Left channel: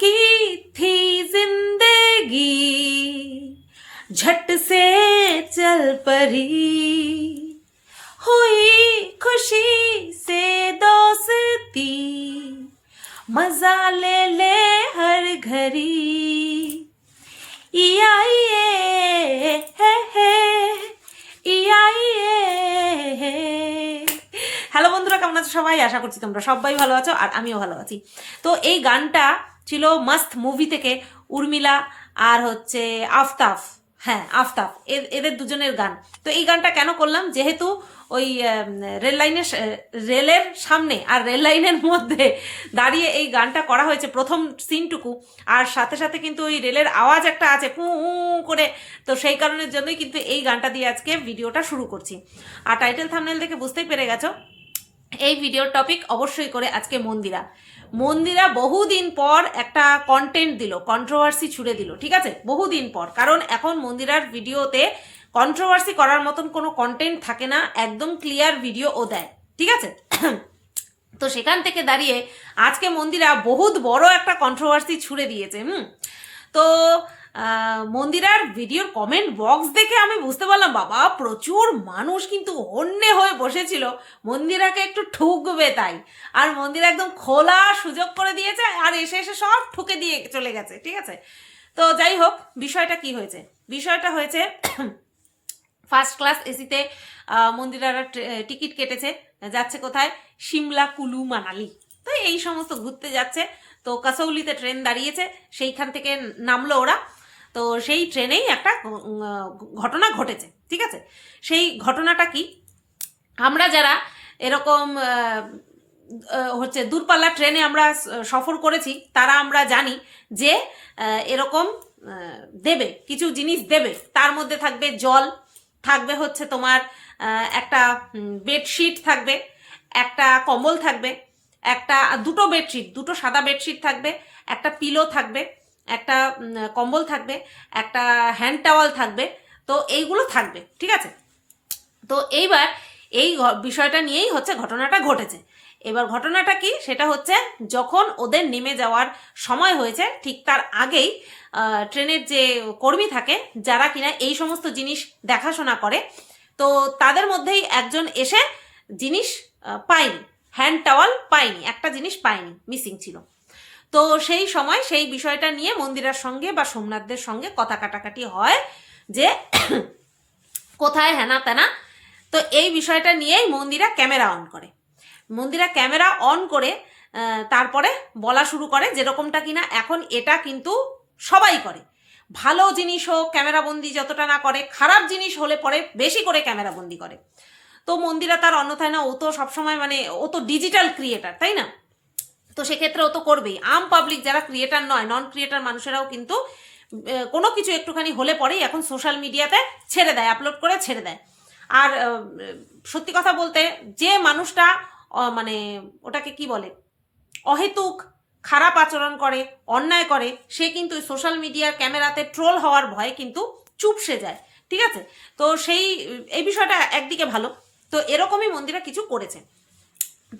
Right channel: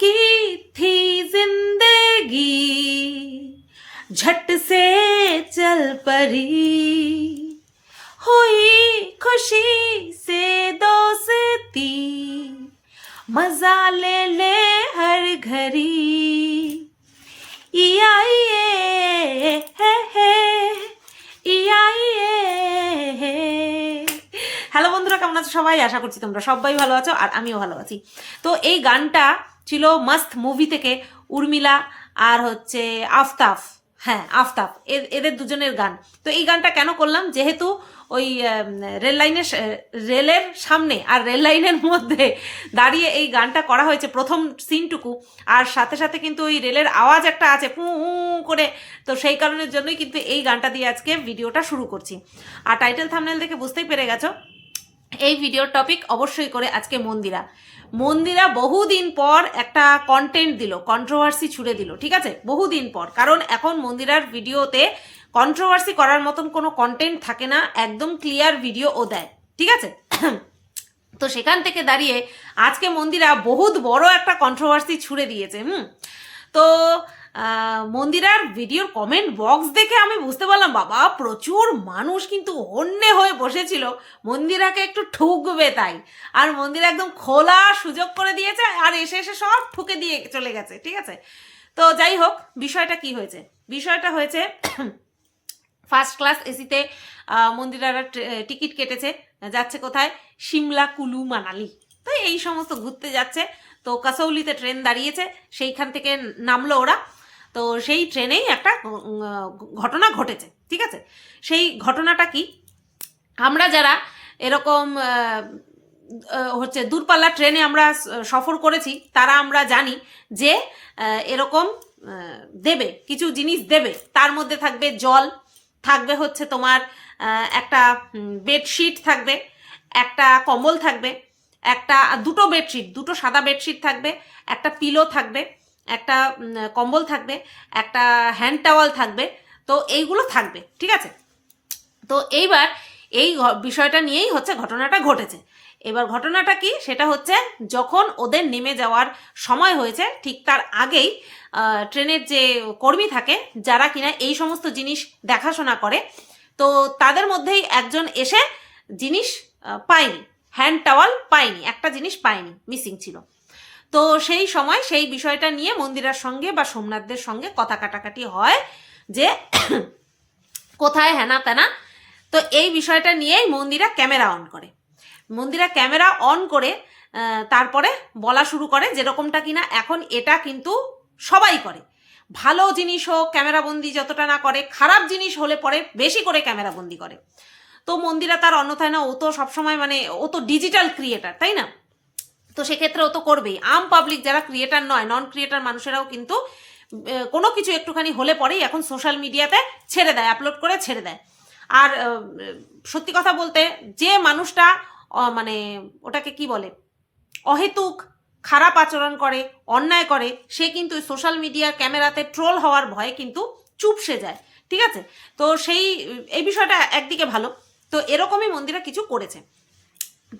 की थी जिंदगी झट से चल पड़ी हुई खुशी से दोस्ती मजा ले ले हर घड़ी ইয়ে হে হে ইয়ে হে। হ্যালো বন্ধুরা, কেমন আছো সবাই? আশা করছি তোমরা সবাই ভালো আছো আর আমিও ভালো আছি। তো এই গানটা ছিল মাস্ত মুভি থেকে, উর্মিলা আর হচ্ছে আফতাব। হ্যাঁ, আফতাব, এদের দুজনের গান। তো এই গানটা কেন করলাম, যেহেতু ওই রেলের সামনে আর রেল লাইনের মধ্যে দাঁড়িয়ে এই গানটা করা হয়েছে প্রথম সিনটুকু, আর সাথে সাথে কিন্তু ওই রেলের আওয়াজ একটা আছে পু করে, তো সেই কারণের জন্যই কিন্তু এই গানটা দিয়ে আজকে ভিডিওটা শুরু করছি। আর টাইটেল থাম্বনেল দেখে বুঝতেই পেরে গেছো এই ভিডিওর টপিক অবশ্যই করে আজকে মন্দিরা বহুদিন পর একটা কন্টেন্ট দিল, কন্ট্রোভার্সি ছুড়ে দিল, ঠিক আছে, বহুদিন পর। কারণ এখন মন্দিরার ভিডিওতে কন্ট্রোভার্সি করার মতন কোনো কন্টেন্ট থাকে না, একদম ক্লিয়ার ভিডিও ও দেয়, ঠিক আছে। তো সেখান থেকে দাঁড়িয়ে আজকে মন্দিরা বহুত বড় একটা কন্ট্রোভার্সি ছুড়ে দিয়েছে। তো মন্দিরার ভিডিওর কমেন্ট বক্স দেখে আমি বুঝতে পারলাম, বাবা প্রচুর মানুষ কিন্তু হন্যে হয়ে বসেছিল মন্দিরাকে একটু ঠুকবে তাই, আর মন্দিরা একদম খোলা সুযোগ করে দিয়েছে আর এসে এসে সব ঠুকে দিয়ে চলে গেছে, ঠিক আছে। তো যাই হোক, বিষয়টা কি হয়েছে? বিষয়টা হয়েছে ফার্স্ট ক্লাস এসিতে মন্দিরারা টিকিট কেটেছে, যাচ্ছে কোথায়? সিমলা, কুলু, মানালি, তো এই সমস্ত ঘুরতে যাচ্ছে। তো কাসৌলিতে ট্রেন দাঁড়িয়েছে, সেইখান থেকে নামলো ওরা। তো সেই ট্রেনেই একটা ঘটনা ঘটেছে, ঠিক আছে। সেই ঘটনাটা কি, আমরা যারা এরকম হচ্ছে দূরপাল্লার ট্রেনে আমরা সফর করেছি তারা আমরা জানি যে এরকম দেবে, কিছু জিনিস দেবে, তার মধ্যে থাকবে জল, থাকবে হচ্ছে তোমার একটা বেডশিট থাকবে, একটা কম্বল থাকবে, দুটো বেডশিট, দুটো সাদা বেডশিট থাকবে, একটা পিলো থাকবে, একটা কম্বল থাকবে, একটা হ্যান্ড টাওয়াল থাকবে। তো এইগুলো থাকবে, ঠিক আছে। তো এইবার এই বিষয়টা নিয়েই হচ্ছে ঘটনাটা ঘটেছে। এবার ঘটনাটা কি, সেটা হচ্ছে যখন ওদের নেমে যাওয়ার সময় হয়েছে ঠিক তার আগেই ট্রেনের যে কর্মী থাকে যারা কিনা এই সমস্ত জিনিস দেখাশোনা করে, তো তাদের মধ্যেই একজন এসে জিনিস পায়নি, হ্যান্ড টাওয়াল পায়নি, একটা জিনিস পায়নি, মিসিং ছিল। তো সেই সময় সেই বিষয়টা নিয়ে মন্দিরার সঙ্গে বা সোমনাথদের সঙ্গে কথা কাটাকাটি হয় যে কোথায় হেনা তেনা। তো এই বিষয়টা নিয়েই মন্দিরা ক্যামেরা অন করে তারপরে বলা শুরু করে, যেরকমটা কিনা এখন এটা কিন্তু সবাই করে, ভালো জিনিস হোক ক্যামেরাবন্দি যতটা না করে, খারাপ জিনিস হলে পরে বেশি করে ক্যামেরাবন্দি করে। তো মন্দিরা তার অন্যথায় না, ও তো সবসময় মানে ও তো ডিজিটাল ক্রিয়েটার, তাই না? তো সেক্ষেত্রে ও তো করবেই। আম পাবলিক যারা ক্রিয়েটার নয়, নন ক্রিয়েটার মানুষেরাও কিন্তু কোনো কিছু একটুখানি হলে পরেই এখন সোশ্যাল মিডিয়াতে ছেড়ে দেয়, আপলোড করে ছেড়ে দেয়। আর সত্যি কথা বলতে, যে মানুষটা মানে ওটাকে কি বলে, অহেতুক খারাপ আচরণ করে, অন্যায় করে, সে কিন্তু সোশ্যাল মিডিয়ার ক্যামেরাতে ট্রোল হওয়ার ভয়ে কিন্তু চুপসে যায়, ঠিক আছে। তো এই বিষয়টা একদিকে ভালো। তো এরকমই মন্দিরা কিছু করেছে।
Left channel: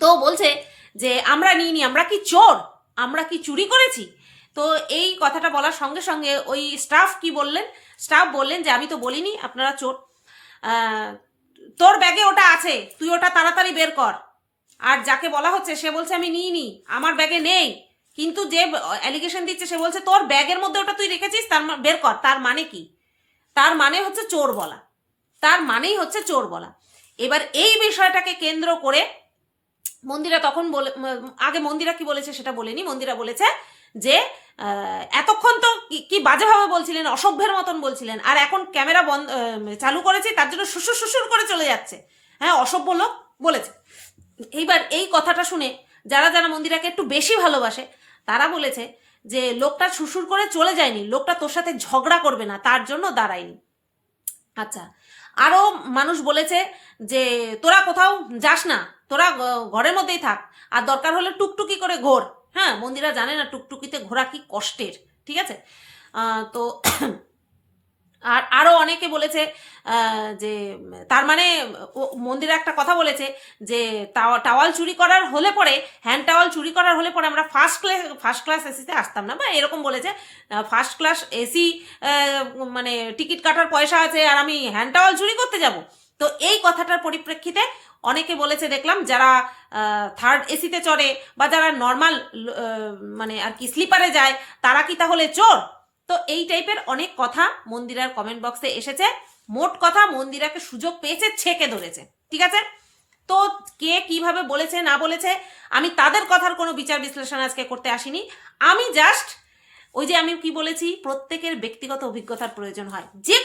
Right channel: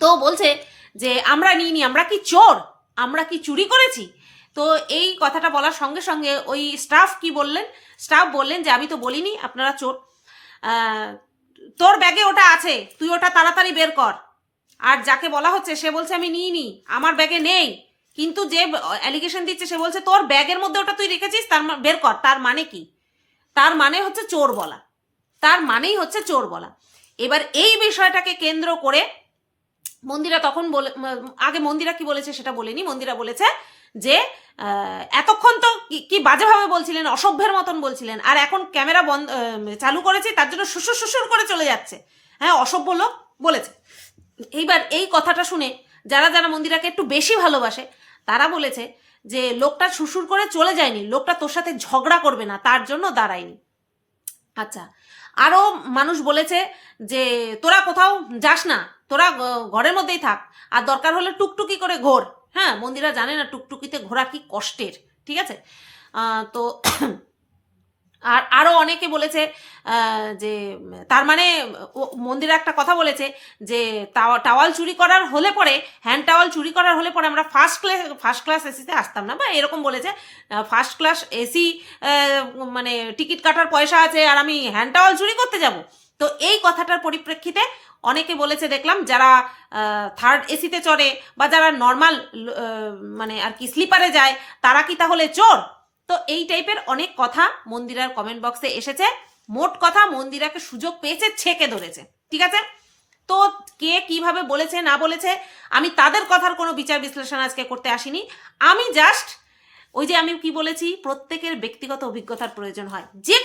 তো বলছে যে আমরা নিইনি, আমরা কি চোর, আমরা কি চুরি করেছি? তো এই কথাটা বলার সঙ্গে সঙ্গে ওই স্টাফ বললেন যে আমি তো বলিনি আপনারা চোর, তোর ব্যাগে ওটা আছে, তুই ওটা তাড়াতাড়ি বের কর। আর যাকে বলা হচ্ছে সে বলছে আমি নিইনি, আমার ব্যাগে নেই, কিন্তু যে অ্যালিগেশন দিচ্ছে সে বলছে তোর ব্যাগের মধ্যে ওটা তুই রেখেছিস, তার বের কর। তার মানে কি? তার মানে হচ্ছে চোর বলা, তার মানেই হচ্ছে চোর বলা। এবার এই বিষয়টাকে কেন্দ্র করে মন্দিরা তখন আগে মন্দিরা কি বলেছে সেটা বলেনি। মন্দিরা বলেছে যে এতক্ষণ তো কি বাজেভাবে বলছিলেন, অসভ্যের মতন বলছিলেন, আর এখন ক্যামেরা চালু করেছি তার জন্য শ্বশুর করে চলে যাচ্ছে। হ্যাঁ, অসভ্য লোক বলেছে। এইবার এই কথাটা শুনে যারা মন্দিরাকে একটু বেশি ভালোবাসে তারা বলেছে যে লোকটা শ্বশুর করে চলে যায়নি, লোকটা তোর সাথে ঝগড়া করবে না তার জন্য দাঁড়ায়নি। আচ্ছা, আরো মানুষ বলেছে যে তোরা কোথাও যাস না, তোরা ঘরের মধ্যেই থাক, আর দরকার হলে টুকটুকি করে ঘোর। হ্যাঁ, মন্দিরা জানে না টুকটুকিতে ঘোরা কি কষ্টের, ঠিক আছে। তো আর আরও অনেকে বলেছে যে তার মানে মন্দিরে একটা কথা বলেছে যে টাওয়াল চুরি করার হলে পরে, হ্যান্ড টাওয়াল চুরি করার হলে পরে আমরা ফার্স্ট ক্লাস এসিতে আসতাম না, বা এরকম বলেছে ফার্স্ট ক্লাস এসি মানে টিকিট কাটার পয়সা আছে আর আমি হ্যান্ড টাওয়াল চুরি করতে যাব। তো এই কথাটার পরিপ্রেক্ষিতে অনেকে বলেছে দেখলাম, যারা থার্ড এসিতে চড়ে বা যারা নর্মাল মানে আর কি স্লিপারে যায় তারা কি তাহলে চোর? তো এই টাইপের অনেক কথা মন্দিরার কমেন্ট বক্সে এসেছে। মোট কথা মন্দিরাকে সুযোগ পেয়েছে, ছেকে ধরেছে, ঠিক আছে? তো কে কিভাবে বলেছে না বলেছে আমি তাদের কথার কোনো বিচার বিশ্লেষণ আজকে করতে আসিনি। আমি জাস্ট ওই যে আমি কি বলেছি, প্রত্যেকের ব্যক্তিগত অভিজ্ঞতার প্রয়োজন হয় যে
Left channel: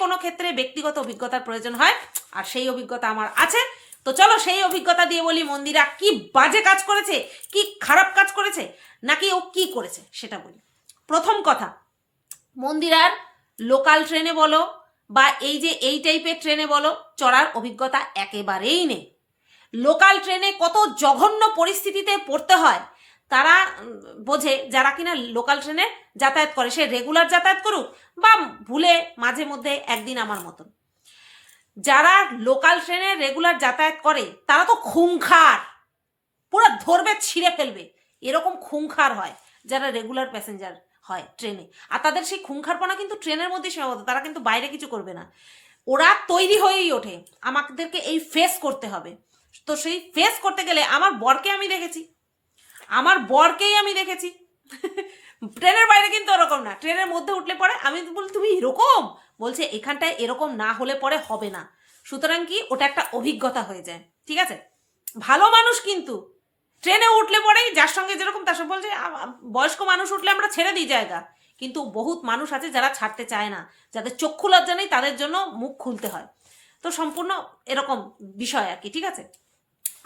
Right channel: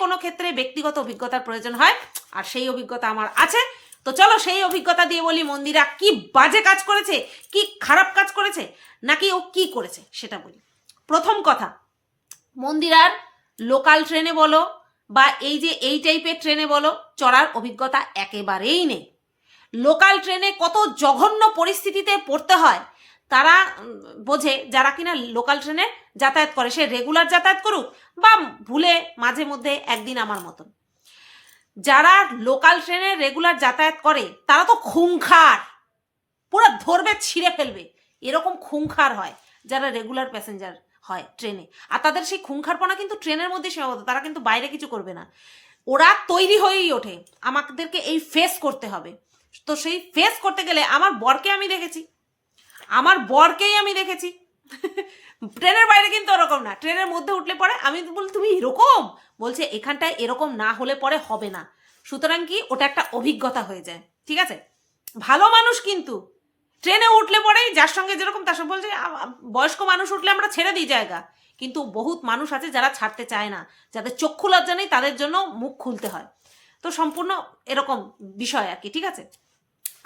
কোনো ক্ষেত্রে ব্যক্তিগত অভিজ্ঞতার প্রয়োজন হয়, আর সেই অভিজ্ঞতা আমার আছে। তো চলো সেই অভিজ্ঞতা দিয়ে বলি মন্দিরা কি বাজে কাজ করেছে, কি খারাপ কাজ করেছে, নাকি ও কি করেছে সেটা বলি। প্রথম কথা, মন্দিরার লোকাল ট্রেনে বলো বা এই যে এই টাইপের ট্রেনে বলো চড়ার অভিজ্ঞতা একেবারেই নেই। লোকাল ট্রেনে কত জঘন্য পরিস্থিতিতে পড়তে হয় তারা বোঝে, যারা কিনা লোকাল ট্রেনে যাতায়াত করে, সে রেগুলার যাতায়াত করুক বা ভুলে মাঝে মধ্যে একদিন আমার মতন। যারা লোকাল ট্রেনে রেগুলার যাতায়াত করে তারা তো খুংখার, পুরো ধরবে ছিঁড়ে ফেলবে, এরকম খুংখার হয় যারা রেগুলার প্যাসেঞ্জার হয় ট্রেনে। আর তাদের সেই খুংখারপনা কিন্তু ট্রেনের মধ্যে সীমাবদ্ধ, তারা কিন্তু বাইরে কিছু করবে না। ওরা তৈরি হয়েই ওঠে আমাদেরকে এই ফেস করতে হবে। তো সেই ফেস করতে গেলে আমার বরকেই আমি দেখেছি ট্রেনের বাইরে কিন্তু ওরকম না, ট্রেনের মধ্যে উঠলে পরে আমি বলি তুমি এরকম, বলছে এখানটায় এরকম না হলে পরে হবে না। সুতরাং কি ওটা একটা অভিজ্ঞতা হয়ে যায়, ঠিক আছে? ভালো মানুষ কিন্তু ট্রেনে উঠলে পরেই যার সঙ্গে যেরকম তার সঙ্গে বলছে, বয়স্ক মানুষ উঠলে আমরা ছেড়ে দিই জায়গা, কিন্তু বহুত মানুষ আছে যারা ছাড়তে চায় না, যাদের চক্ষু লজ্জা নেই, তাদের জন্য মুখ খুলতে হয়। তো সম্পূর্ণ এরকম বিষয় আর কি, ঠিক আছে?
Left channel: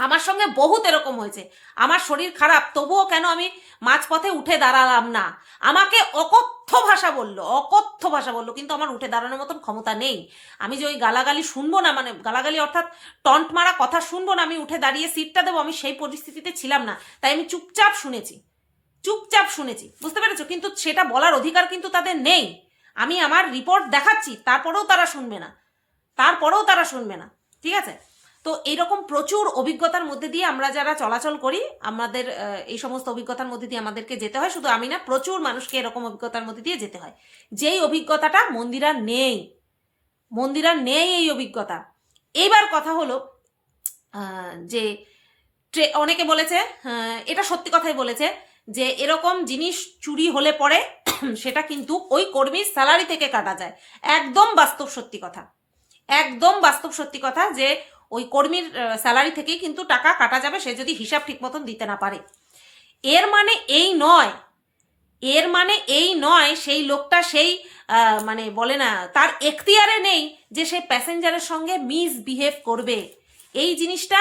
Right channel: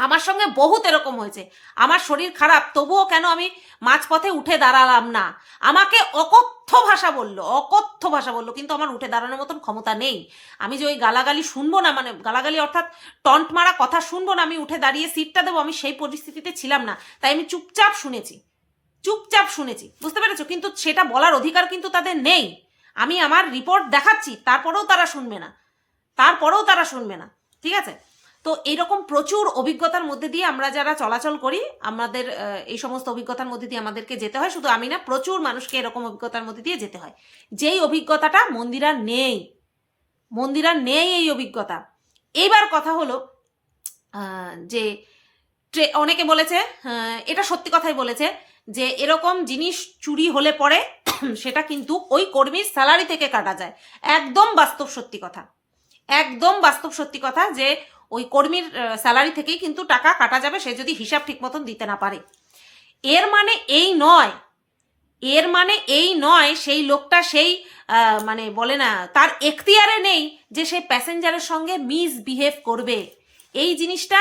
আমার সঙ্গে বহুত এরকম হয়েছে, আমার শরীর খারাপ তবুও কেন আমি মাঝপথে উঠে দাঁড়ালাম না, আমাকে অকথ্য ভাষা বললো, কিন্তু আমার উঠে দাঁড়ানোর মতন ক্ষমতা নেই। আমি যে ওই গালাগালি শুনবো না, মানে গালাগালি অর্থাৎ টন্ট মারা কথা শুনবো না, আমি উঠে দাঁড়িয়ে সিটটা দেবো, আমি সেই পরিস্থিতিতে ছিলাম না। তাই আমি চুপচাপ শুনেছি, বুঝতে পেরেছো? কিন্তু সেটা বলার অধিকার কিন্তু তাদের নেই। আমি আমার রিপোর্ট দেখাচ্ছি, তারপরেও তারা শুনবে না, ঠিক আছে? তো এইরকম প্রচুর অভিজ্ঞতার মধ্যে দিয়ে আমরা যারা চলাচল করি, আমাদের এই সমস্ত অভিজ্ঞতার মধ্যে দিয়ে আমাদেরকে যেতে হয়। শুধু আমি না, প্রচুর মানুষকে এরকম অভিজ্ঞতার মধ্যে দিয়ে যেতে হয়, যেই অভিজ্ঞতাটা মন্দিরার নেই এই অভিজ্ঞতা। এইবার কথা হলো যে অনেকে বলেছে, এটা সত্যি কথাই বলেছে, যে এরকম জিনিস চুরি হলে পরে সেটা কিন্তু ওই কর্মীর স্যালারি থেকে কাটা যায়। একদম বাস্তব সত্যি কথা যে ওই কর্মীর স্যালারি থেকেই কিন্তু টাকা কাটা যাবে, সে যদি হিসাব ঠিক মতন দিতে না পারে। এর মানে এই নয় সেই লোকটা সেই মানে বলে না তার এখতিয়ারে নেই যে সে প্যাসেঞ্জারের সঙ্গে মিসবিহেভ করবে। এই জিনিসটা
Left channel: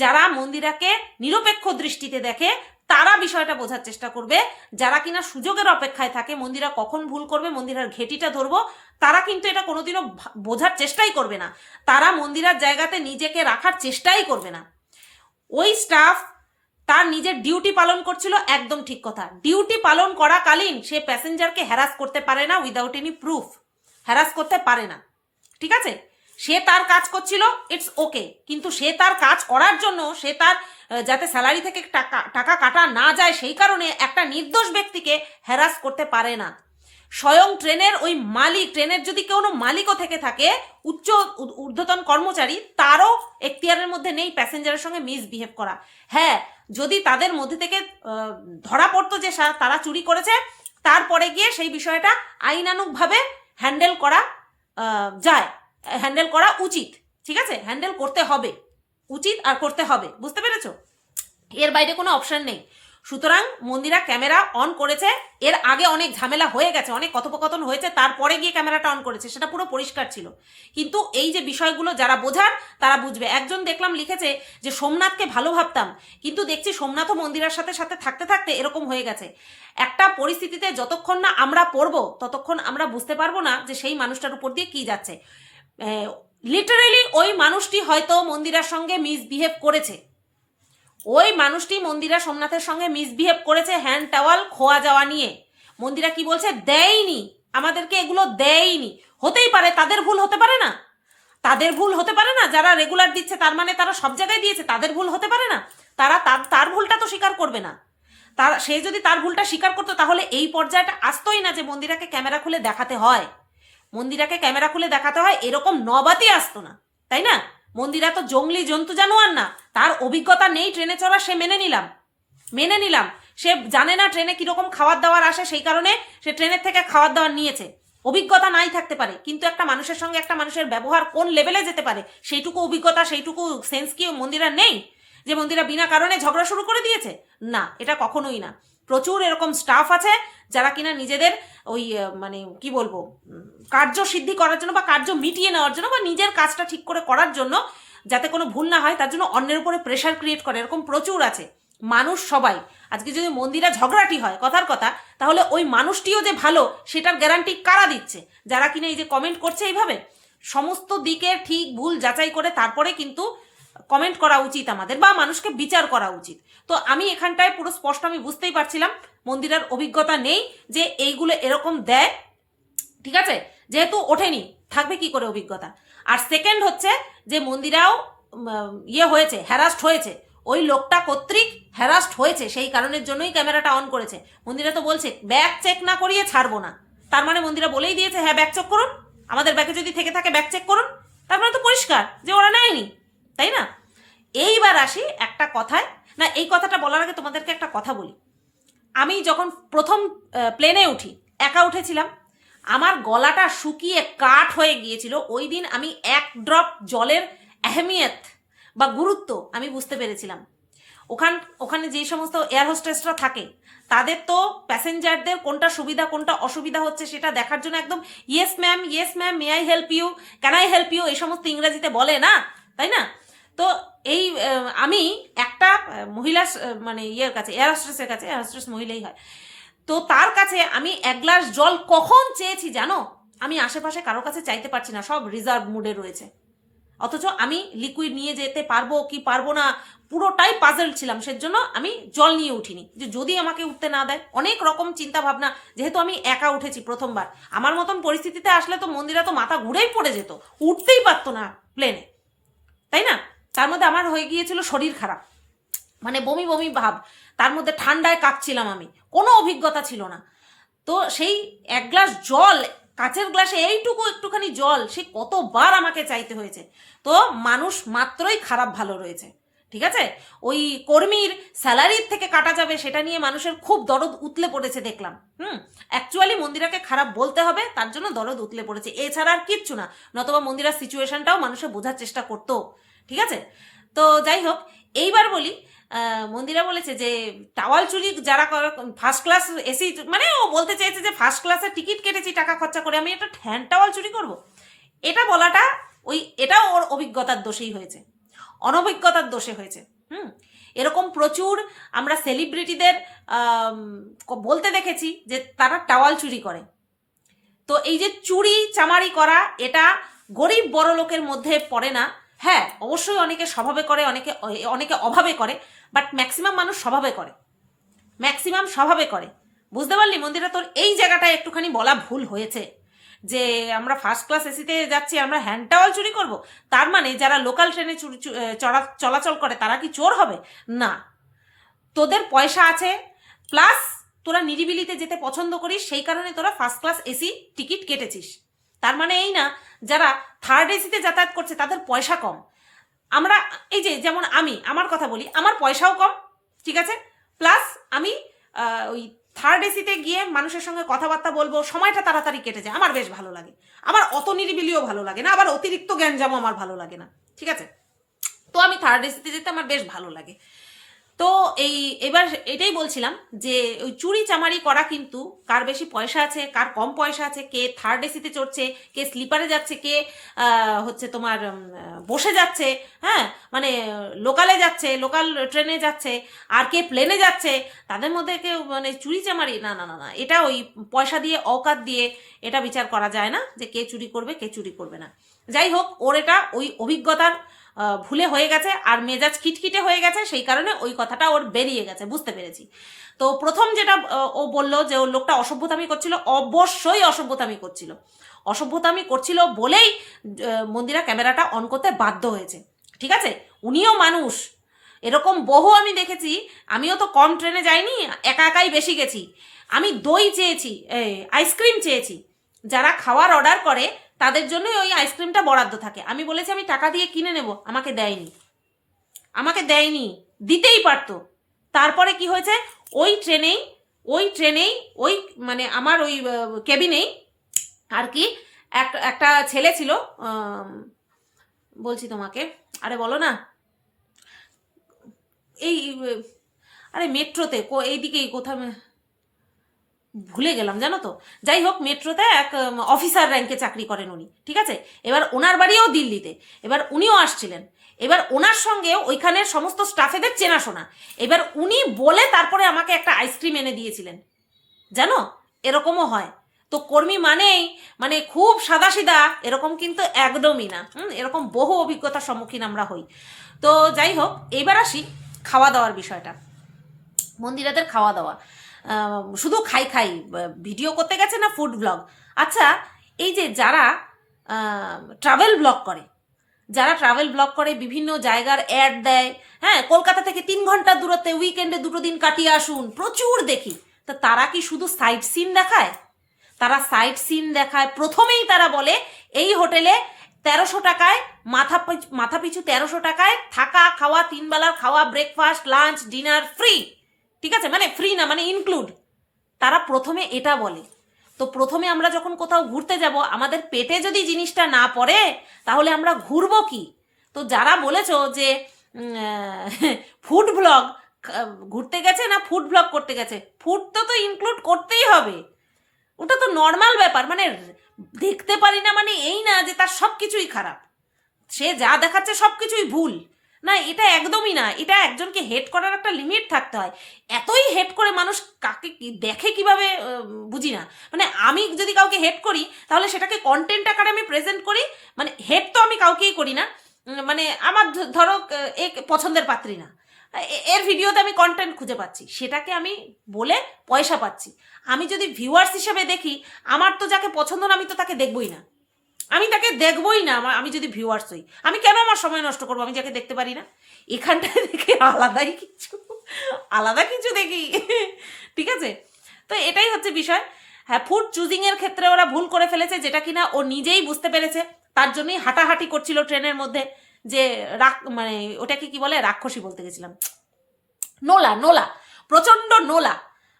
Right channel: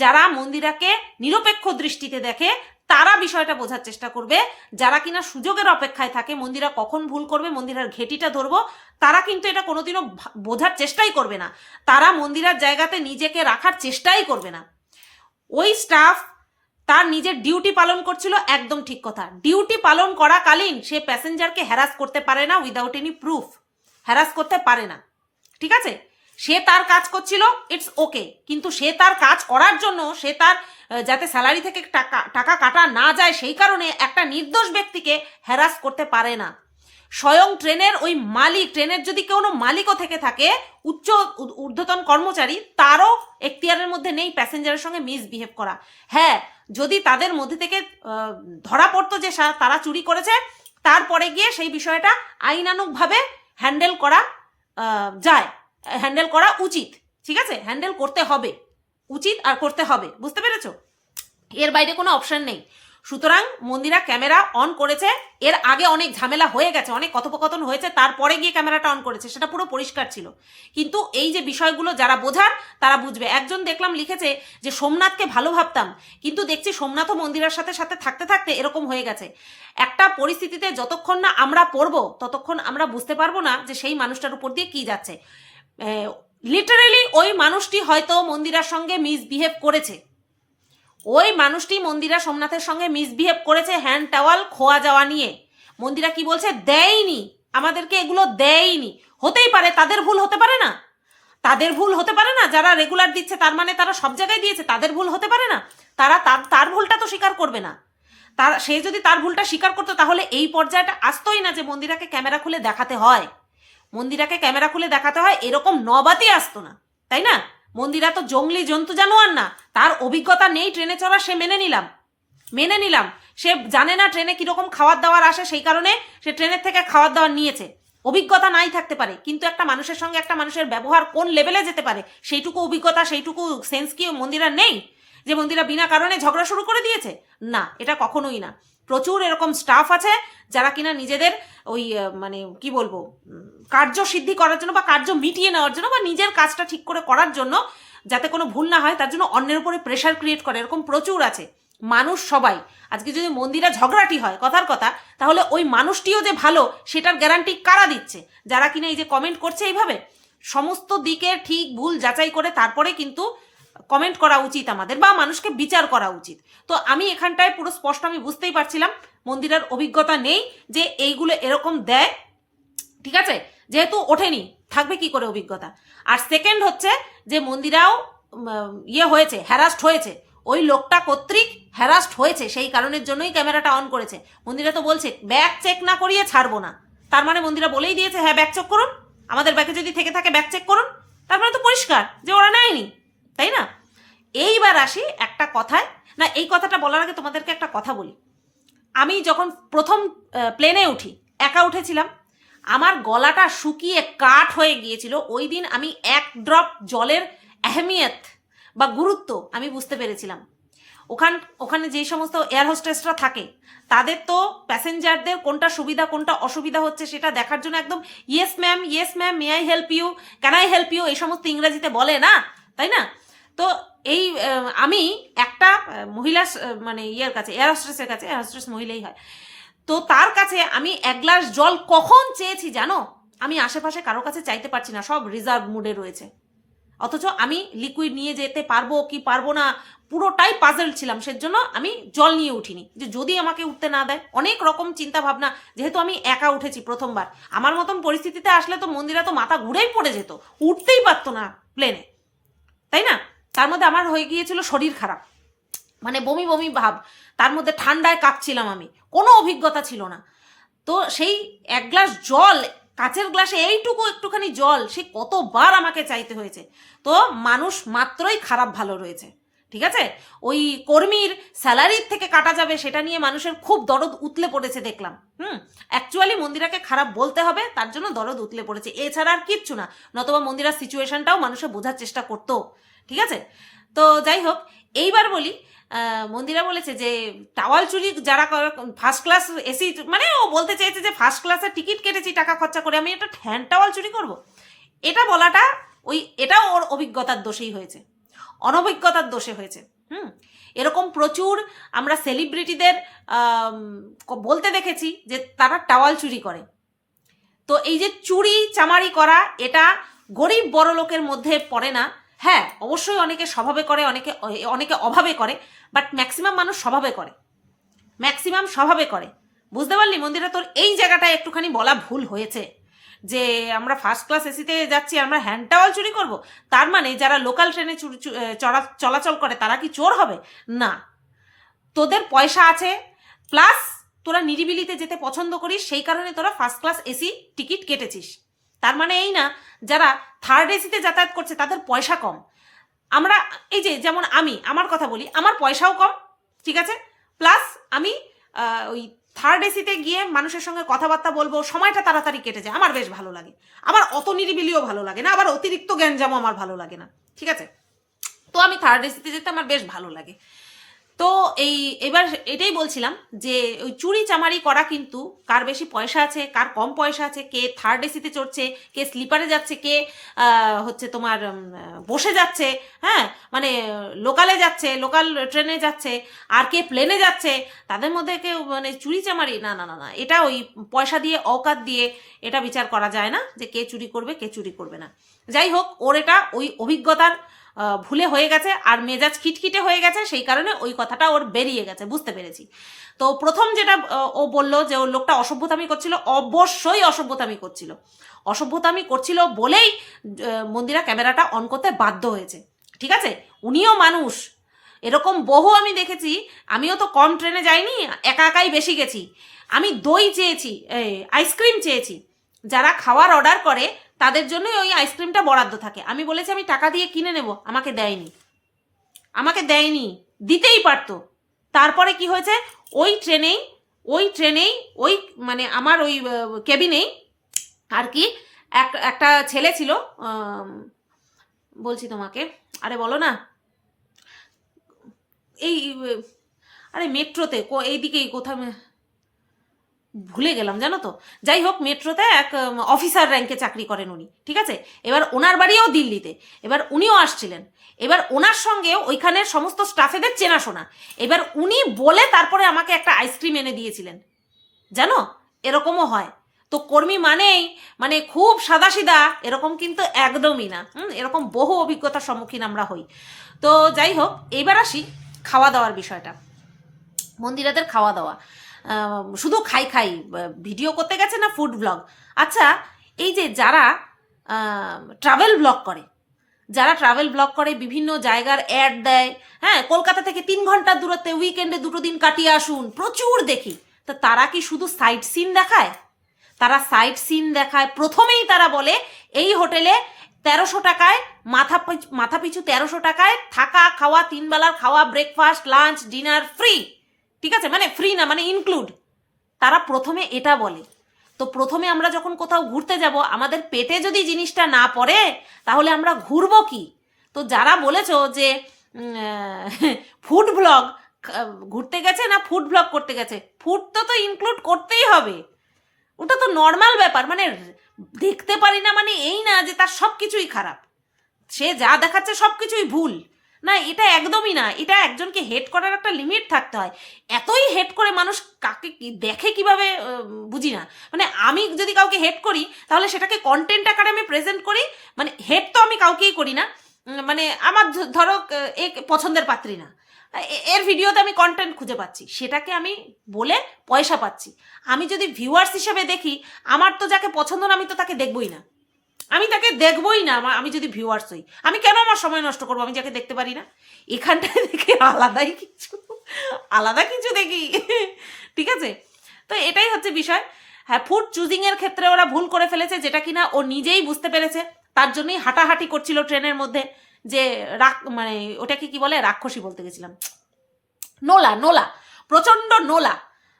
যারা মন্দিরাকে নিরপেক্ষ দৃষ্টিতে দেখে তারা বিষয়টা বোঝার চেষ্টা করবে। যারা কিনা সুযোগের অপেক্ষায় থাকে মন্দিরা কখন ভুল করবে, মন্দিরার ঘেটিটা ধরবো, তারা কিন্তু এটা কোনোদিনও বোঝার চেষ্টাই করবে না, তারা মন্দিরার জায়গাতে নিজেকে রাখার চেষ্টাই করবে না। ওই স্টাফ তার নিজের ডিউটি পালন করছিল, একদম ঠিক কথা। ডিউটি পালন করাকালীন সে প্যাসেঞ্জারকে হ্যারাস করতে পারে না, উইদাউট এনি প্রুফ হ্যারাস করতে পারে না, ঠিক আছে? সে তার কাজ করছিল, ইটস ওকে, কিন্তু সে তার কাজ করার জন্য সে তার যাতে স্যালারি থেকে টাকা কাটা না যায় সেই কারণে একটা নির্দোষ ব্যক্তিকে হ্যারাস করতে পারে না। স্বয়ং ট্রেনের ওই মালিক, ট্রেনের যদি কোনো মালিকও থেকে থাকে, উচ্চ ঊর্ধ্বতন কর্মচারী, তারও এখতিয়ারের মধ্যে নেই প্যাসেঞ্জারের সঙ্গে মিসবিহেভ করা। হ্যাঁ, যদি তাদের মধ্যে থেকে ধরা পড়তো যে তারা চুরি করেছে, তারপরে গিয়ে সেই বিষয়টা আইনানুগভাবে হ্যান্ডেল করা হ্যান্ডেল করা উচিত, ঠিক আছে? হ্যান্ডেল করতে হবে, উচিত আর করতে হবে, বুঝতে পেরেছো? এর বাইরে কোনো অপশন নেই। সুতরাং মন্দিরা ক্যামেরা অন করেছে, এর আগে অনেক ঝামেলা হয়ে গেছে, অনেক কথোপকথন হয়েছে, তারপরে গিয়ে ক্যামেরাটা অন করেছে, সেটা পুরো পরিষ্কার ছিল। কিন্তু এই যে বিষয়গুলো যারা বোঝার তারা বুঝবে। একজন দেখলাম লিখেছে যে সোমনাথকে ভালো ভাবতাম, কিন্তু দেখছি সোমনাথও মন্দিরার সাথে থাকতে থাকতে এরকম হয়ে গেছে। একটা পরিস্থিতিতে যতক্ষণ না আমরা পড়বো ততক্ষণ আমরা বুঝতে পারবো না যে সেই মানুষটার উপর দিয়ে কি যাচ্ছে। লিটারেলি ওই মানুষটি হয়তো মন্দিরার সঙ্গে মিসবিহেভ করেছে, সোমনাথের সঙ্গে মিসবিহেভ করেছে হ্যান্ড টাওয়াল খোয়া যাওয়া নিয়ে। মন্দিরা কি বলছে, দেয়নি, আমাদেরকে এগুলো দেয়নি। হতেই পারে তাদের ভুল হতে পারে না, তাদের ভুল হতে পারে না, যারা রেগুলার দিচ্ছে তার মানে তারা সব জায়গায় দিয়েছে, তাদের ভুল হতে পারে না, তারা তার ভুলটা তো স্বীকার করবে না। সে যদি তার ভুলটা স্বীকার করতো তাহলে এই পর্যায়টা আসতোই না যে মন্দিরাকে ক্যামেরা খুলে দেখাতে হয়, মন্দিরাকে ক্যামেরা খুলে দেখাতে হয়, এরকম নবাতই আসতো না, তাই না? মন্দিরা তো জঙ্গলি জন্তু জানোয়ার না, তার অভিজ্ঞতা নেই ট্রেনে চড়া, সে মেনে নিলাম। সে জানে না ট্রেনে কিরকম খাবার দাবার আসে, সেই কারণে সে ট্রেনের থেকে খাবার দাবার নিয়েছে। অভিজ্ঞতা নাই থাকতে পারে, কিন্তু একটা মানুষের সঙ্গে একটা মানুষের ব্যবহার কোন লেভেলে যেতে পারে সেইটুকু অভিজ্ঞতা, সেইটুকু সেন্স কি মন্দিরা নেই যে মন্দিরা বিনা কারণে ঝগড়া শুরু করে দিয়েছে? না, এটা কখনোই না। প্রচুর এরকম স্টাফ আছে যারা কিনা নিজেদের ওই মানে কি বলবো, কার্য সিদ্ধি করার জন্য বা কার্য মিটিয়ে নেওয়ার জন্য বা নিজের কাজটা ঠিক করে করার জন্য, যাতে কোনো ভুল না হয় তার জন্য অন্যের উপরে প্রেশার ক্রিয়েট করে, এরকম প্রচুর আছে। মানুষ সবাই, আজকে যদি মন্দিরা ঝগড়াটি হয় কথার কথা, তাহলে ওই মানুষটিও যে ভালো সেটার গ্যারান্টি কারা দিচ্ছে? যারা কিনা এই যে কমেন্ট করছে এইভাবে, সমস্ত দিকে ঠিক ভুল যাচাই করে তারপরে কিন্তু কমেন্ট করা উচিত আমাদের, বা মানুষকে বিচার করা উচিত। তো আমি এখানটায় পুরো স্পষ্ট আমি বুঝতেই পারছিলাম মন্দিরের অভিজ্ঞতা নেই যে এইগুলো এরকম দেয়, ঠিক আছে? যেহেতু ওঠেনি, থাকবে কি করে অভিজ্ঞতা? আর সেকেন্ড হচ্ছে যে মন্দিরাও হয়েছে, হ্যারাস্ট হয়েছে, ওই লোকটা কর্তৃক হ্যারাস্ট হয়েছে, সেই কারণের জন্যই ক্যামেরাটা অন করেছে। মন্দিরা তো বলছে ব্যাগ চেক না করিয়ে ছাড়বো না, তার মানে মন্দিরা বলেই দিয়েছে হ্যাঁ ব্যাগ চেক করুন, আমাদের ব্যাগে যদি থেকে থাকে ব্যাগ চেক করুন, তার মানে তো পরিষ্কার যে ওরা নেয়নি, তাই না? এইবার আসি একটা কথায়, না এই কথাটা বলার আগে তোমাদেরকে একটা কথা বলি। আমি যখন প্রথম প্লেনে উঠি, একা উঠেছিলাম, আমার গলাটা শুকিয়ে কাঠ হয়ে গিয়েছিল। ওই দিন আমি এক ড্রপ জলের আহমিয়ত বা গুরুত্ব আমি বুঝতে পেরেছিলাম। ওখানে যে সমস্ত এয়ার হোস্টেসরা থাকে তাদের তো প্যাসেঞ্জারদের কোনটা সুবিধা কোনটা অসুবিধা হচ্ছে সেটা দেখার জন্য একদম yes ma'am may I help you, can I help you, এই সমস্ত ইংরেজিতে বলে না, তাই না? তো এই আমি একটা মহিলা মানে কাছে, এয়ার হোস্টেসের কাছে, এয়ার হোস্টেস মহিলাই হয়, তো তার কাছে আমি এক গ্লাস জল কখন চেয়েছি জানো? আমি আশেপাশে কারো কাছে চাইতে পারছি না, সব রিজার্ভ মুডে রয়েছে, অথচ আমি লিকুইড নিয়ে যেতে পারবো কি পারবো না পুরোটাই পাজল ছিলাম। সেজন্য আমি জল নিয়ে উঠিনি, যে যদি আমাকে উঠতে না দেয়, অনেক রকম চিন্তা ভাবনা। যেহেতু আমি একা উঠেছি প্রথমবার, আমার মতন পরিস্থিতিতে আসলে তো মন্দিরা তো মাথা ঘুরেই পড়ে যেত, উঠতেই পারতো না প্লেনে, তাই না? তার মধ্যে আমার হয়ে গিয়েছিল শরীর খারাপ, মানে বমি বমি ভাব, তার মধ্যে ঠান্ডায় কাঁপছিলাম আমি, কোনো অভিজ্ঞতা ছিল না। তো সেই এক গ্লাস জল, কাচের গ্লাসে এইটুকু একটুখানি জল, সে কতবার আমাকে চাইতে হয়েছে। তো মানুষ মাত্রই খারাপ ভালো রয়েছে, ঠিক আছে? ওই কর্মীর স্যালারির থেকে কাটা যাবে সেটা নিয়ে মানুষের খুব দরদ উতলে পড়েছে দেখলাম। অ্যাকচুয়ালি মন্দিরাকে খারাপ বলতে হবে, তার জন্য দরদ উতলে পড়েছে, এছাড়া আর কিচ্ছু না। নতবা মন্দিরার সিচুয়েশনটাও মানুষের বোঝার চেষ্টা করতো, ঠিক আছে? তো যাই হোক, এইবার বলি, মন্দিরা বলেছে যে টাওয়াল চুরি যারা ফার্স্ট ক্লাস এসি, মানে ও বলতে চেয়েছে যে ফার্স্ট ক্লাসের টিকিট কেটেছি টাকা খরচা করে, আমি একটা হ্যান্ড টাওয়াল চুরি করব, এটা বলাটা এটাও ওর অভিজ্ঞতার দোষেই হয়েছে, অনভিজ্ঞতার দোষে হয়েছে। এরকম প্রচুর আমরা সেলিব্রিটিদের বলতে দেখেছি যে তারা টাওয়াল চুরি করে। তো এই যে চুরি চামারি করা, এটা গরিব বড় লোকের মধ্যে পড়ে না। হ্যাঁ, অবশ্যই অনেকে স্বভাবে করে, অনেকে অভাবে করে, বাট ম্যাক্সিমাম মানুষ স্বভাবে করে। বুঝতে পারলি মন্দিরা, তোর এই জায়গাটায় একটুখানি বলা ভুল হয়েছে, যে আমরা ফার্স্ট ক্লাস এসিতে যাচ্ছি আমরা হ্যান্ড টাওয়াল চুরি করব, তার মানে যারা লোকাল ট্রেনে চলাচল করে তারা কি চোর হবে? না, তোদের পয়সা আছে, প্লাস তোরা নিরিবিলিতে যেতে পছন্দ করিস, সেই কারণে তোরা ফার্স্ট ক্লাস এসি টিকিট কেটেছিস। তার মানে এই না যারা থার্ড এসিতে যাতায়াত করছে তাদের পয়সা কম। আমরা এই যে যেমন আমার কথা বলি, আমার পয়সাও কম, ঠিক আছে, প্লাস আমি ওই থার্ড এসিতে গিয়ে মানুষের সঙ্গে কথাবার্তা বলবো, সময়টা তাড়াতাড়ি কেটে যায়, আমার বেশ ভালো লাগে। আমার অত নিরিবিলিও ভালো লাগে না, আবার অতিরিক্ত গ্যাঞ্জামও আমার ভালো লাগে না, ঠিক আছে? তো আমি থার্ড এসিতে যেতে আমার বেশ ভালো লাগে। তো এবার এটাই বলছিলাম যে ওই চুরি চামারি করা কিন্তু কার বেশি পয়সা আছে কার কম পয়সা আছে, কে থার্ড এসিতে চড়ছে, কে স্লিপারে যাচ্ছে, কে হচ্ছে তোমার বসে যাচ্ছে, হ্যাঁ মানে লোকালে যাচ্ছে, লোকাল ট্রেনে যাচ্ছে, আর কে প্লেনে যাচ্ছে, তাদের মধ্যে কেউ মানে চুরি চামারি না না না না, এটা ওই পয়সা দিয়ে অকাত দিয়ে এটা বিচার করা যায় না যে কে চুরি করবে কে চুরি করবে না। যাই হোক, ওর এটা ওই অভিজ্ঞতার ভুলে হয়ে গেছে আর মেজাজ খিটখিটে হয়ে গেছে, সেই কারণে ওই কথাটা ওর বেরিয়ে গেছে, বুঝতে পেরেছি। তো প্রথম যেটা ও বললো যে ও লোকটা অসভ্যতামি করছিল, অবশ্যই অসভ্যতামি করছিল, অসভ্যতামি করছিল বলেই মন্দিরা ক্যামেরাটা অন করতে বাধ্য হয়েছে, ঠিক আছে। উনিও মানুষ, এরকম বহু আমি দেখেছি, আমিও তো কম ট্রেনে যাইনি, একা একাই বেশি গেছি। আমি দই চেয়েছি, আইসক্রিম চেয়েছি, যারা খাওয়ার অর্ডার করে তাদের জন্যই ওই আইসক্রিমটা বরাদ্দ থাকে। আমি বলেছি আমি টাকা দিয়ে কিনে নেব, আমাকে দেয়নি, আমাকে দেয়নি, দিতেই পারতো। তারপরে কি হয়েছে, ওই ট্রেনেই ওই মানে আমার ওই কেবিনেই আর কি একটা ছেলে ছিল, বলছি তোমাকে, আরে বলো না, এই আরে মেট্রোতে এইদিকেই কোথাও ভুলে গেলাম জানো তো, যাই হোক মেট্রোতে এক অফিসার র্যাঙ্কে চাকরি করেন উনি, ঠিক আছে। এবার ওনার বাড়িও দিল্লিতে, এবার উনিও আসছিলেন, এবার ওনার সঙ্গে ওইখানের সমস্ত স্টাফেদের চেনাশোনা, এবার উনি বলে তারপরে আমাকে একটা আইসক্রিম এনে দিয়েছিলেন, জানো, এরকমও হয়। তো কর্মী মানেই মানে খুব সাদাসিধা এরকম কিন্তু একদমই না, এরকম বহু অভিজ্ঞতার সম্মুখীন আমরা হই। তো যাই হোক, এইবার আসি খাওয়া দাওয়ার বিষয়টা, মন্দিরাদের খাওয়া দাওয়া, শুধু খাই ভিডিও করতে গেছে না ফুড ব্লগ। আচ্ছা, এই যে যারা ট্রাভেল ব্লগ করে, বিভিন্ন জায়গার অ্যাড দেয়, হ্যাঁ, কলকাতা থেকে 3 ঘন্টার দূরত্বে উইকেন্ডে 2 দিন কাটিয়ে আসুন, প্রচুর দেখি। তো তারা কি শুধু সাইট সিন দেখায়? তারা সাইট সিন দেখায়, প্রথমেই তারা বলে এই হোটেলে 1300 টাকায় মাথা পিছু 1300 টাকায় থাকা খাওয়া, 3 বেলার খাওয়া, ব্রেকফাস্ট লাঞ্চ ডিনার ফ্রি, ঠিক আছে, মানে ফ্রি না মানে ইনক্লুড, তারা প্রথমে এটা বলে। তো প্রথমে আমরা যখন কোথাও ঘুরতে যাব, আমাদের পেটে যদি জিনিসটা না পড়ে তাহলে আমরা ঘুরবো কি? তো যারা বলেছো যে ফুড ব্লগ ঘুরতে গেছে না ফুড ব্লগ করতে গেছে, ফুড তো ইনক্লুড করতেই হবে, ওটা তো নর্মাল ব্যাপার। মানে দেখতে পারি না মানে এই না যে তার সব কিছুই খারাপ, সে যা দেখাচ্ছে সব কিছুই ভুল না, এটা একদমই না। এটা একজনকে হেট করার একটা লিমিট থাকতে হয়। এতই হেট করে মানুষ কাকে কি দেখে কিভাবে বুঝি না। মানে আমি যদি কাউকে হেট করি তাহলে সেটাকে কন্টেন্ট আকারে আমি প্রেজেন্ট করি, মানে হেট তো আমি কাউকেই করি না, মানে আমার ধরো এ পছন্দের পাত্রী না, এর ভিডিওতে আমি কন্টেন্ট খুঁজে পাচ্ছি, সেটাকে আমি বলে পয়সা পাচ্ছি। আমি যদি ভিউয়ার্স হিসেবে দেখি, আমার তো যাকে পছন্দ না আমি তো তাকে দেখবই না, আমি তাকে দেখবই না। আমি যদি ভিউয়ার্স হই, আমি কেন আমার সময় নষ্ট করবো আমি যাকে দেখতে পারি না? এখানটায় দেখি আলাদা কিছু দেখি, ঠিক আছে। তো এটাই হচ্ছে বিষয়। হ্যাঁ, ফুড চুজিং এর ক্ষেত্রে ওরা ভুল করে ফেলেছে, যেটা কিনা ও নিজেই বুঝতে পেরেছে, তার জন্যই হাঁটাহাঁটি করছিল ট্রেনের মধ্যে, যে মানে ওটাকে কি বলে, রাক্ষসী বলতে গেছিলাম, নোলা, প্রচন্ড নোলা।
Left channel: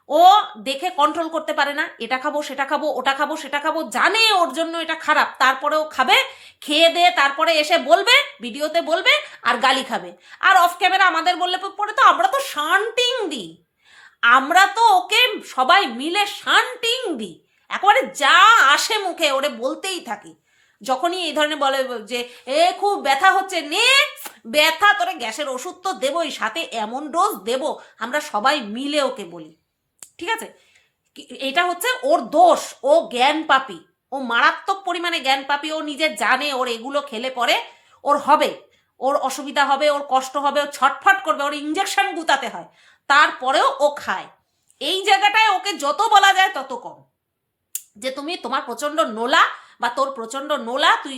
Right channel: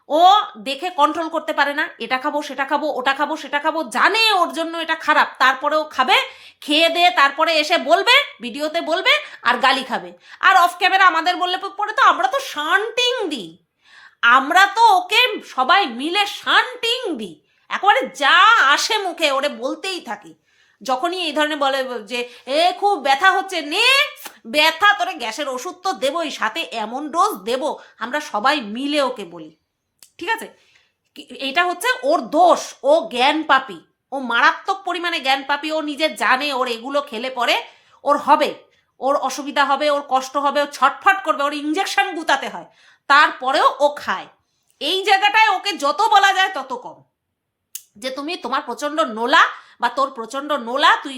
ও দেখে কন্ট্রোল করতে পারে না, এটা খাবো সেটা খাবো, ওটা খাবো সেটা খাবো, জানে ওর জন্য এটা খারাপ, তারপরেও খাবে, খেয়ে দে তারপরে এসে বলবে, ভিডিওতে বলবে আর গালি খাবে। আর অফ ক্যামেরা আমাদের বললে পরে তো আমরা তো শান্টিং দিই, আমরা তো ওকে সবাই মিলে শান্টিং দিই, একেবারে যা আসে মুখে ওরে বলতেই থাকি। যখনই এই ধরনের বলে যে খুব ব্যথা হচ্ছে, নে ব্যথা, তোরে গ্যাসের ওষুধ তো দেবই, সাথে এমন ডোজ দেবো, আমরা সবাই মিলে ওকে বলি, ঠিক আছে। এটা হচ্ছে ওর দোষ, ও জ্ঞান পাপী, ও মারাত্মক পরিমাণে জ্ঞান পাপী। ও নিজে জানে ওর এগুলো খেলে পরে ওর হবে, ওর অসুবিধা হবে, ওর কষ্ট হবে, ও ছটফট করবে, ওর ইঞ্জেকশন গুতাতে হয়, তারপরেও ও খায়। এই জায়গাটায় ওকে যত বলা যায় তত কম, যে তুমি তোমার প্রচন্ড নোলা বা তোর প্রচন্ড নোলা, তুই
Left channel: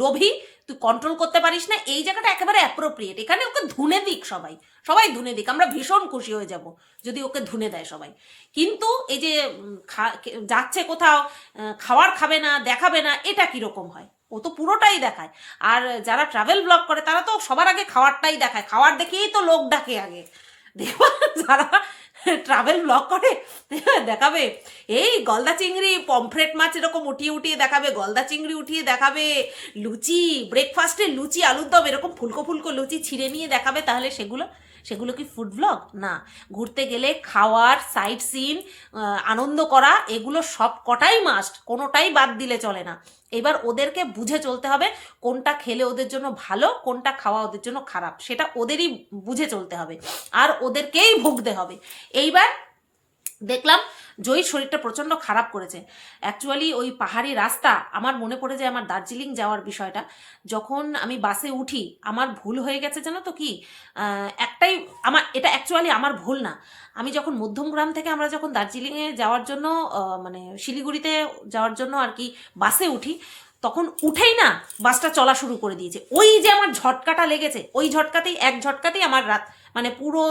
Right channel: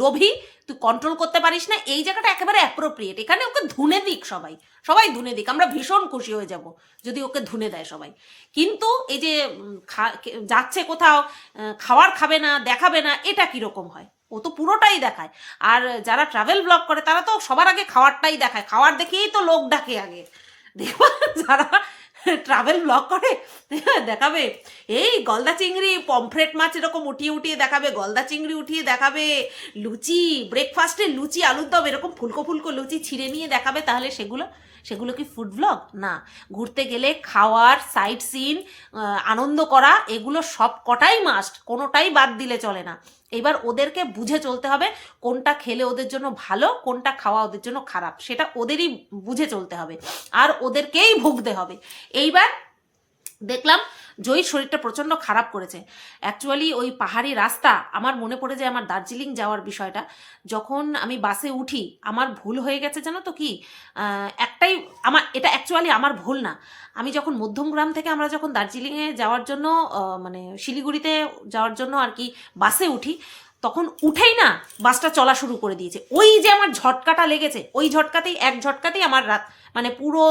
লোভী, তুই কন্ট্রোল করতে পারিস না, এই জায়গাটা একেবারে অ্যাপ্রোপ্রিয়েট। এখানে ওকে ধুনে দিক, সবাই ধুনে দিক, আমরা ভীষণ খুশি হয়ে যাব যদি ওকে ধুনে দেয় সবাই। কিন্তু এই যে যাচ্ছে কোথাও, খাওয়ার খাবে না, দেখাবে না, এটা কিরকম হয়? ও তো পুরোটাই দেখায়। আর যারা ট্রাভেল ব্লগ করে তারা তো সবার আগে খাওয়ারটাই দেখায়, খাওয়ার দেখেই তো লোক ডাকে আগে। দেখবা যারা ট্রাভেল ব্লগ করে দেখাবে এই গলদা চিংড়ি, পমফ্রেট মাছ এরকম উঠিয়ে দেখাবে, গলদা চিংড়ি উঠিয়ে দেখাবে, লুচি, ব্রেকফাস্টে লুচি আলুর দম এরকম ফুলকো লুচি ছিঁড়ে নিয়ে দেখাবে, তাহলে সেগুলো কি ফুড ব্লগ? না। ঘুরতে গেলে খাওয়ার, সাইট সিন, আনন্দ করা, এগুলো সব কটাই মাস্ট, কোনোটাই বাদ দিলে চলে না। এবার ওদেরকে বুঝে চলতে হবে কোনটা খেলে ওদের জন্য ভালো, কোনটা খাওয়া ওদের জন্য খারাপ, সেটা ওদেরই বুঝে চলতে হবে আর ওদেরকেই ভুগতে হবে। এইবার দেখলাম জয়ীর শরীরটা প্রচণ্ড খারাপ করেছে। অ্যাকচুয়ালি ওই পাহাড়ি রাস্তা আমার মনে পড়ে যায় আমার দার্জিলিং যাওয়ার বিষয়টা। যখন আমি বাসে উঠি আমার ভুল হয়ে গেছে জানো তো কি, একটাই, আমার এটা অ্যাকচুয়ালি আমার ভুল না। আমি যখন মধ্যমগ্রাম থেকে আমরা যখন দার্জিলিংয়ে যাওয়ার জন্য মানে শিলিগুড়িতে যাওয়ার জন্য আর কি বাসে উঠি, তখন উঠেই না বাসটা চলা শুরু করে দিয়েছে। ওই যে আমার ঝটকাটা লেগেছে, ওই ঝটকাতেই এক ঝটকাতেই আমার রাত মানে পুরো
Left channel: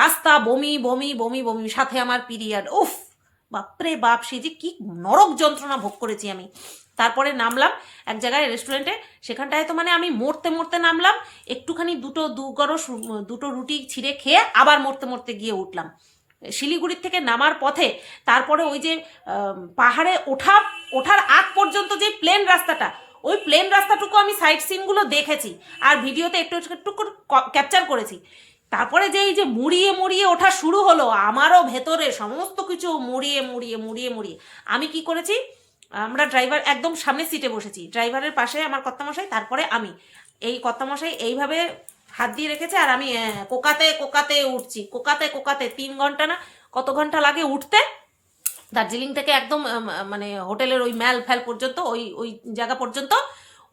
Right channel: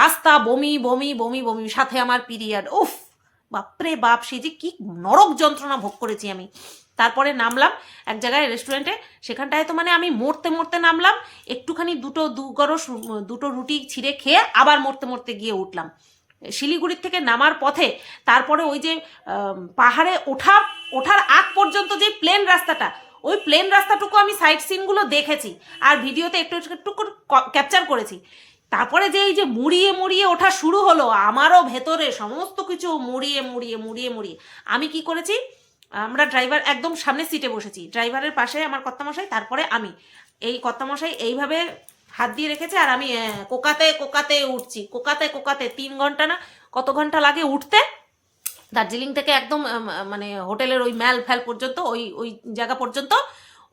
রাস্তা বমি বমি বমি বমি, সাথে আমার পিরিয়ড। উফ বাপরে বাপ, সে যে কি নরক যন্ত্রণা ভোগ করেছি আমি। তারপরে নামলাম এক জায়গায় রেস্টুরেন্টে, সেখানটায় তো মানে আমি মরতে মরতে নামলাম, একটুখানি দুটো রুটি ছিঁড়ে খেয়ে আবার মরতে মরতে গিয়ে উঠলাম শিলিগুড়ির থেকে নামার পথে। তারপরে ওই যে পাহাড়ে ওঠার আগ পর্যন্ত যে প্লেন রাস্তাটা, ওই প্লেন রাস্তাটুকু আমি সাইড সিনগুলো দেখেছি আর ভিডিওতে একটু একটু ক্যাপচার করেছি। তারপরে যে এই যে মুড়িয়ে মুড়িয়ে ওঠা শুরু হলো, আমারও ভেতরে সমস্ত কিছু মুড়িয়ে মুড়িয়ে মুড়িয়ে মুড়িয়ে আমি কি করেছি, আমরা ড্রাইভার একদম সামনের সিটে বসেছি, ড্রাইভারের পাশে আমার কর্তামশাই, তারপরে আমি। এই কর্তামশাই এইভাবে হাত দিয়ে রেখেছে আর আমি কোকাতে কোকাতে উঠছি, কোকাতে কোকাতে 3 ঘন্টা না কত ঘন্টা লাগে উঠতে দার্জিলিং থেকে একদম মানে হোটেলের ওই ম্যাল ফ্যাল পর্যন্ত, ওই ওই জায়গা পর্যন্ত,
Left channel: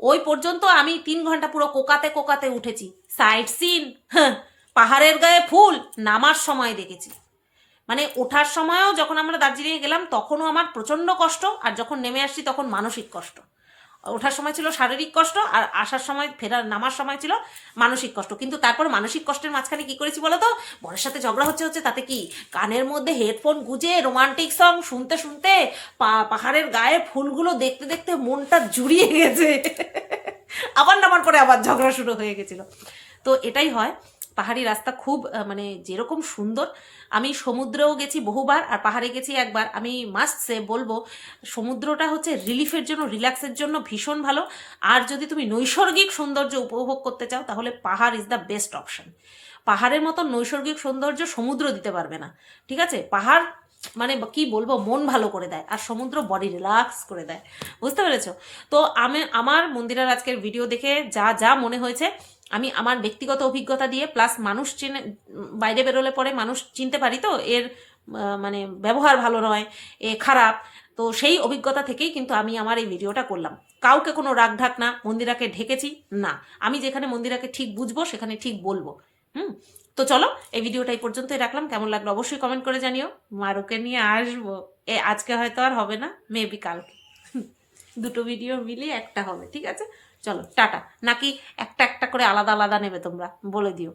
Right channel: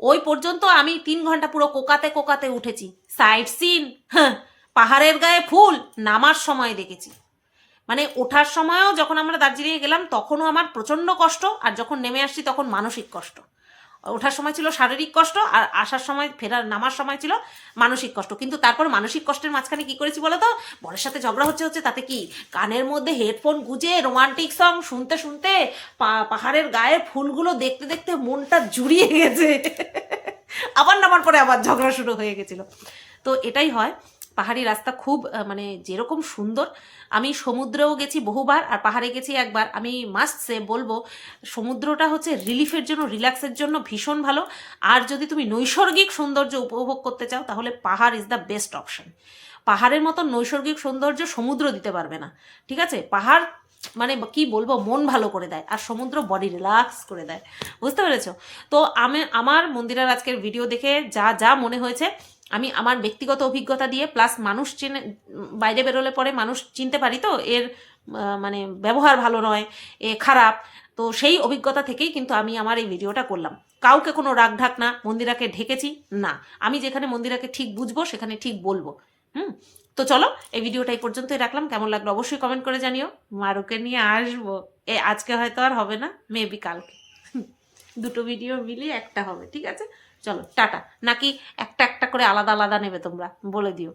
ওই পর্যন্ত আমি 3 ঘন্টা পুরো কোকাতে কোকাতে উঠেছি। সাইড সিন, হ্যাঁ, পাহাড়ের গায়ে ফুল নামার সময় দেখেছি। মানে ওঠার সময়ও যখন আমরা দার্জিলিংয়ে গেলাম তখনও আমার প্রচণ্ড কষ্ট, আর যখন নেমে আসছি তখন মানসিক কষ্ট। ওঠার সময় ছিল শারীরিক কষ্ট, আর আসার সময় নামার সময় ছিল মানসিক কষ্ট। কিন্তু তারপর মানসিক কষ্টের মাঝখানে কি করেছি বলো তো, বরের সাথে ঝগড়া হচ্ছে তাতে কি, কানের মধ্যে হেডফোন গুঁজে রোমান্টিক সং শুনতে শুনতে পাহাড়ের গায়ে ফুলগুলো দেখতে দেখতে মনটা জুড়িয়ে গেছে। আবার নামার পরে আবার ঝগড়া শুরু হয়ে গেছিল। তো এটাই হয়, পাহাড়ি রাস্তা খুব মানে যেরকম সুন্দর। আমি সমুদ্রেও গেছি বহুবার আর পাহাড়ে গেছি একবার। আমি মাস্ট সে বলবো সমুদ্রটা হচ্ছে রিলিফের জন্য, রিল্যাক্সের জন্য ভীষণ ভালো। আর যদি তুমি নৈসর্গিক সৌন্দর্য উপভোগ করতে চাও তাহলে পাহাড় ইজ দ্য বেস্ট অপশন। পাহাড়ের মতো নৈসর্গিক সৌন্দর্য সমুদ্র দিতে পারবে না, ঠিক আছে? পাহাড় মানে কি বলবো, মন ভালো করে দেয়, আর সমুদ্র বডি রিল্যাক্স করে দেয়। বুঝতে পেরেছো? তো আমার মন্দিরার আজকের ভিডিও দেখে যা যা মনে হয়েছে আমি আমার ব্যক্তিগত অভিজ্ঞতা দিয়ে, প্লাস মানুষ চিনে, বাইরে বেরোলে পরে মানুষ চিনতে পারি তো এর মানে ব্যবহার ভালো নয়, এ খারাপ, তো সেই অভিজ্ঞতা থেকেই কিন্তু আমি আমার এই ভিডিওটা করলাম। কাউকে কোনো রাগ ঢাক না, মন্দিরাকে ঢেকেছি না, আমি যেখানে মন্দিরাকে ঠিক বুঝবো সেখানে ঠিক বলবো। তো চলো এই ভিডিওটা এই পর্যন্তই রাখলাম। কেমন লাগলো অবশ্যই কমেন্ট করে জানিও। মারুকে নিয়ে আসবো, আজকে হয়তো আর হবে না, মেবি কালকে। দুটো ভিডিও মিলিয়ে একটা হবে, ঠিক আছে? চলো টাটা। নাকি একটা একটা করে আলাদা আলাদা নেবে তোমরা, বলে দিও।